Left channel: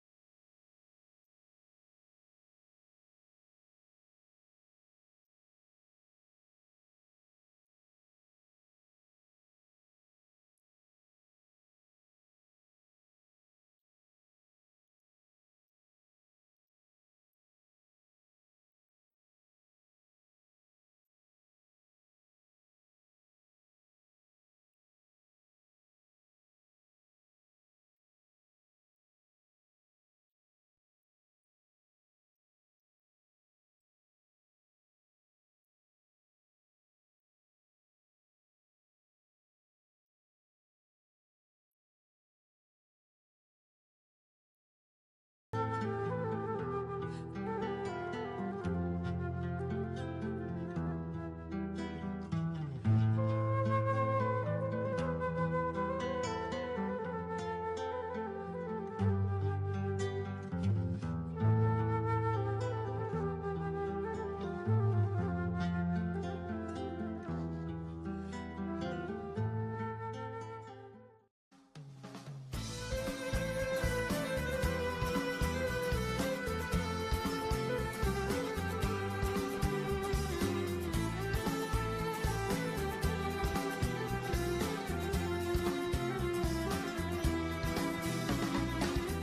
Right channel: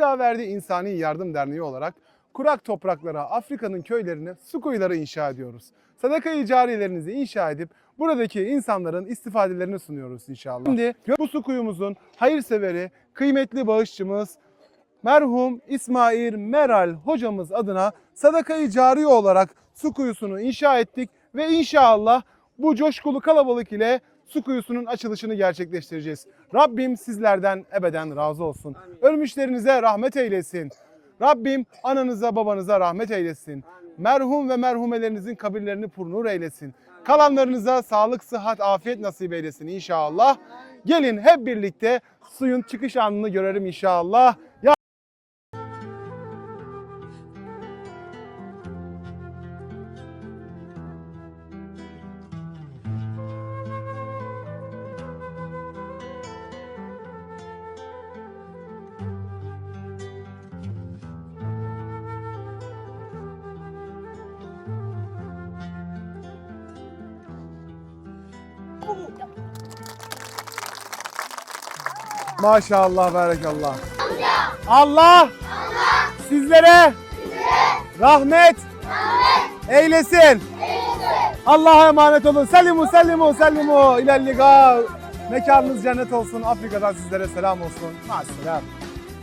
Dünya Verdi İnsani Yardım Derneği olarak kurak topraklara, Afrika'nın köylerine su kuyuları inşa ediyoruz. Sadaka-i cariyelerinizi inşa edip buradaki insanların istifadelerini sunuyoruz inşallah. Şimdi bu su kuyumuzun hayırseveri, kıymetli bağışçımız merhum İsmail Meral hocamız adına sadaka-i cariye olarak su kuyusunu inşa ettik ve inşallah bu coşkulu kalabalık ile su kuyusunun açılışını gerçekleştireceğiz. Rabbim sizlerden ebeden razı olsun. Ölmüşlerinize rahmet eylesin. Rabbim ananıza babanıza rahmet eylesin. Merhum ve merhumelerinizin kabirlerini purnur eylesin. Kalanlarınıza sağlık, sıhhat, afiyet nasip eylesin inşallah. Gelin hep birlikte suyun çıkış anını görelim inşallah. Maşallah, berekallah. Allah, sizlere rahmet, eylesin. Allah'a emanet olun. Selimu, selimu, selimu. İlerliga. Mekanınız cennet olsun. Afrika'dan sizlere selam olsun. Maşallah.